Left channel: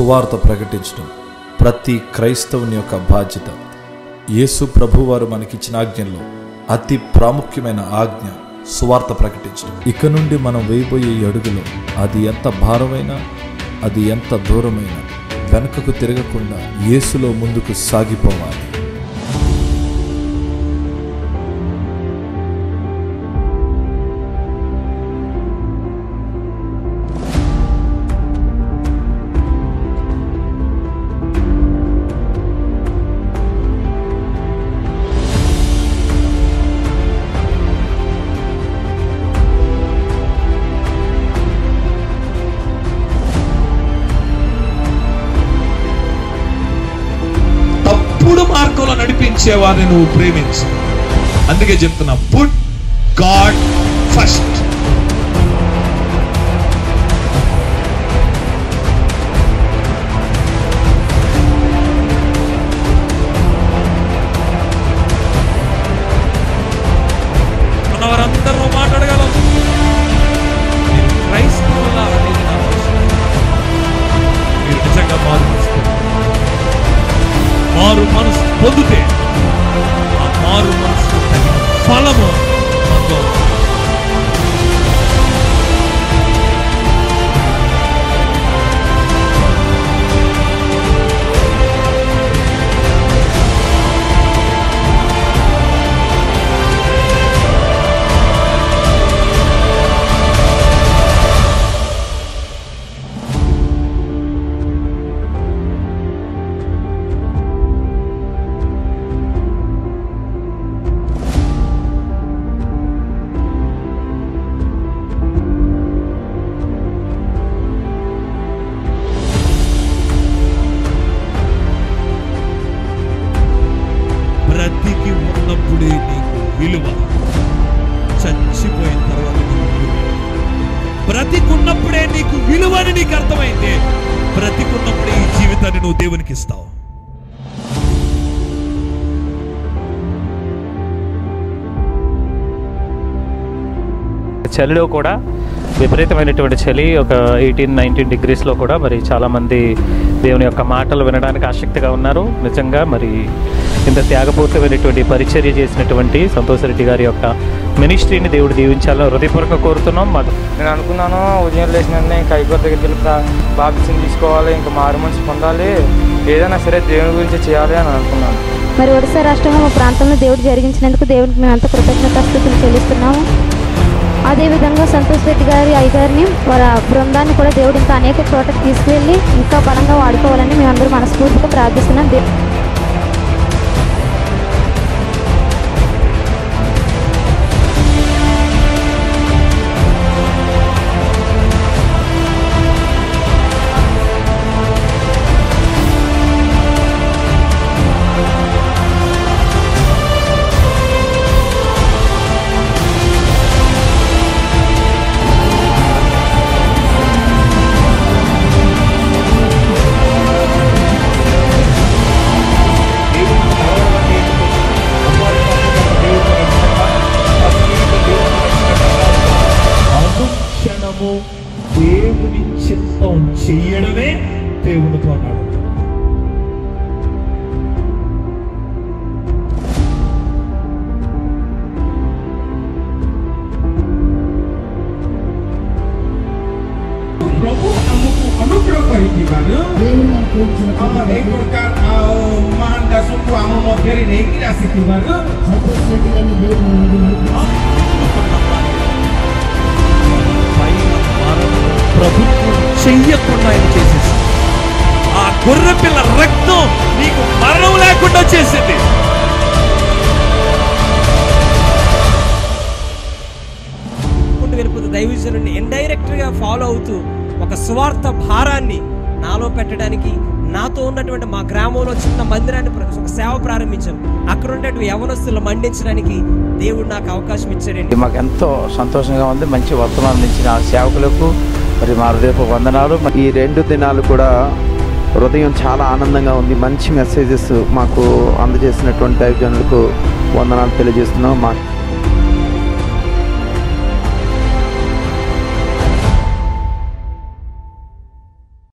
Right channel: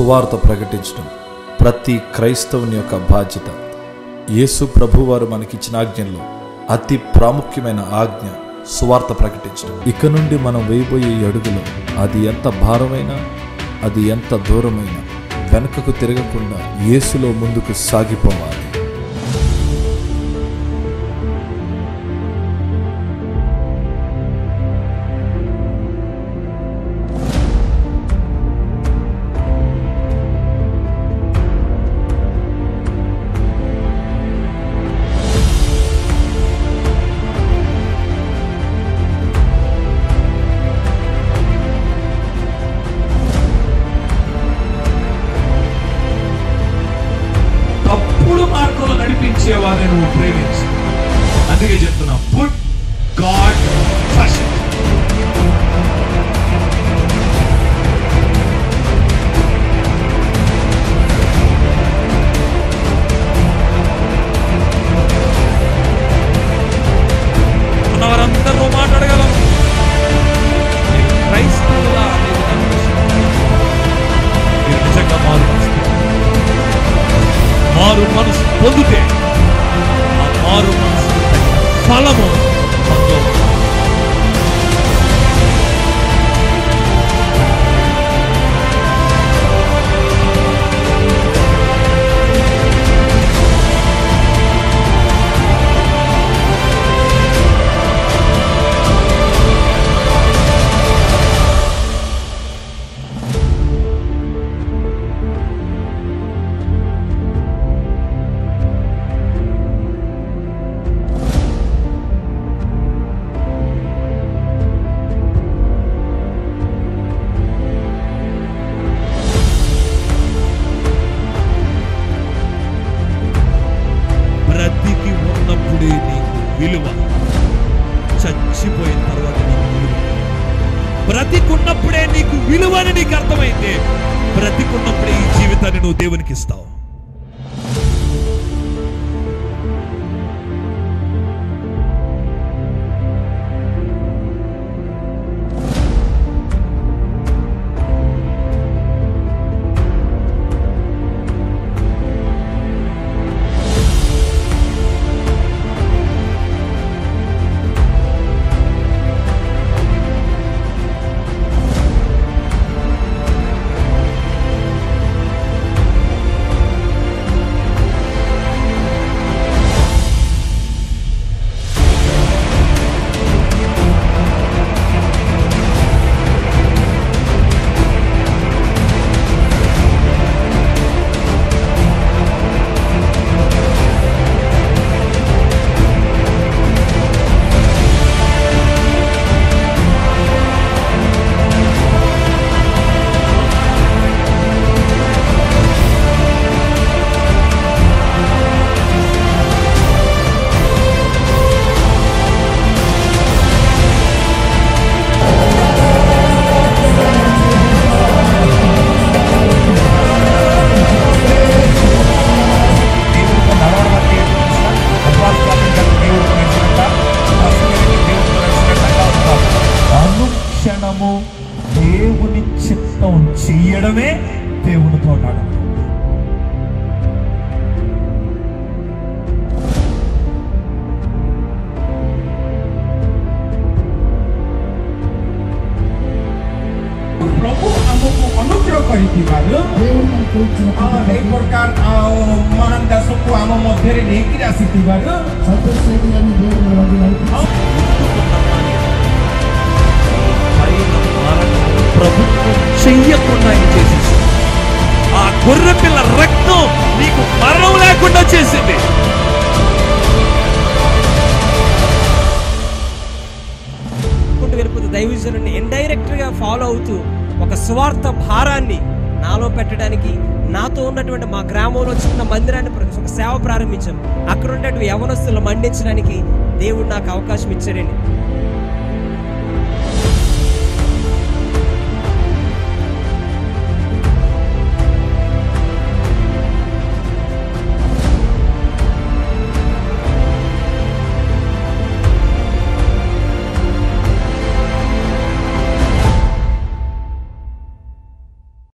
సువార్త ప్రకటించడం ప్రతి క్రైస్తవుని యొక్క బాధ్యత. యేసు ప్రభువారు మనకిచ్చిన ఆజ్ఞల్లో అతి ప్రాముఖ్యమైన ఆజ్ఞ సువార్త ప్రకటించడం. ఇక నుండి మనం వేయబోయే ఈ అడుగులో అది ఎంత భారమైనా, అది ఎంత దూరమైనా వెనుకకు తిరగకుండా యేసులో ముందుకు సాగిపోవాలి. మార్గంలో నడిపించేవారిని నువ్వు ప్రేమించు. అందుకే చెప్తున్నా, పుట్ గాడ్ ఫస్ట్. వారందరూ మాట్లాడగలం. మీరు క్రైస్తవులా అనేది నా ప్రశ్న. మీరు నిజంగా మారు మనసు పొందితే ఆ మారు మనసుకు తగిన ఫలము మనలో. బ్రతికి ఉన్నప్పుడే నీకు విలువ, చచ్చిపోయిన తర్వాత నీకు విలువ. బ్రతికున్నప్పుడే నీకు విలువ అని నీకు అర్థమైంది. బ్రతికున్నప్పుడే ఈ జీవితాన్ని నువ్వు దేవునికి ఇస్తావు. చలిలో కూడా విపరీతమైనటువంటి చలి, ఒక 18-19 డిగ్రీస్లో కూడా మరి చాలామంది దేవుని యొక్క మాటలు వినడానికి ఆసక్తిగా ఉన్నారు. నిజంగా మరి ఇంత త్యాగపూర్తమైనటువంటి పరిచర్య చేసినటువంటి సంతోష్ రెడ్డి గారి యొక్క మినిస్ట్రీని దేవుడు దీవించాలని హృదయపూర్వకంగా కోరుతున్నాం. నేను అనుకున్నాను, ఉదయం లేచినందుకు ఇంకా అయిపోతే బాప్తిసం తీసుకోవాలి, ఇంకా మారు మనసు పొందాలి, ఏదైనా సరే దేవుని గురించి చేయాలి అని అనుకున్నాను. మరి ఒడిశా రాష్ట్రంలో మా ప్రాంతంలో దేవుడు జరిగించినందుకు దేవుడికి మేమంతా కృతజ్ఞతాస్తుతులు చెల్లిస్తున్నాము. అదేవిధంగా సంతోష్ రెడ్డి గారి అయ్యగారిని, వారి బృందాన్ని కూడా దేవుడు ఇంకా అనేక చోట్లకు తీసుకెళ్ళి ఇంకా బలంగా వాడుకోవాలని మేమందరూ మనస్ఫూర్తిగా ప్రార్థిస్తున్నాం. దేవుని చిత్తం చేయడమే దేవునితో మాట్లాడాలి. Prabhu ଆମକୁ ଅନୁଗ୍ରହ କରିଥିବାରୁ ଏହି ପ୍ରକାର ମହାନ ଦାସଙ୍କୁ ଆମ ମଧ୍ୟରେ ନେଇକି ଆସିଥିବାରୁ పైన మరణం ప్రభుత్వం చెయ్యకుండా ఆయన చేసేసింది. ఆ గొర్రె పిల్ల రక్తం నీకు మరణం లేకుండా చేసింది. వెళ్ళిపోతూ దైవజనుడిని ఇండైరెక్ట్ గా ఫాలో అవుతూ ఒక స్వార్థ భారాన్ని నాలో పెట్టడానికి, నాతో ఉన్నటువంటి మా గ్రామంలో చిన్న మందిరాన్ని ఒక సేవ ప్రారంభించాం. అక్కడ ఉన్నటువంటి యవనస్తులు మండించడానికి దేవుడు నాకు అవకాశం ఇచ్చాడండి. మాకు ఎంతో సంతోషంగా ఉంది. మంచి వర్తమానం ఇచ్చిన సేవకులకు మరి మా హృదయపు వందనాలు. ఈ 2 దినాలు కూడా హృదయం చాలా ఆనందంగా ఉంది. మంచి మెసేజెస్ మాకు అందజేసినటువంటి దైవజనులకు వందనాలు తెలియజేస్తున్నాం.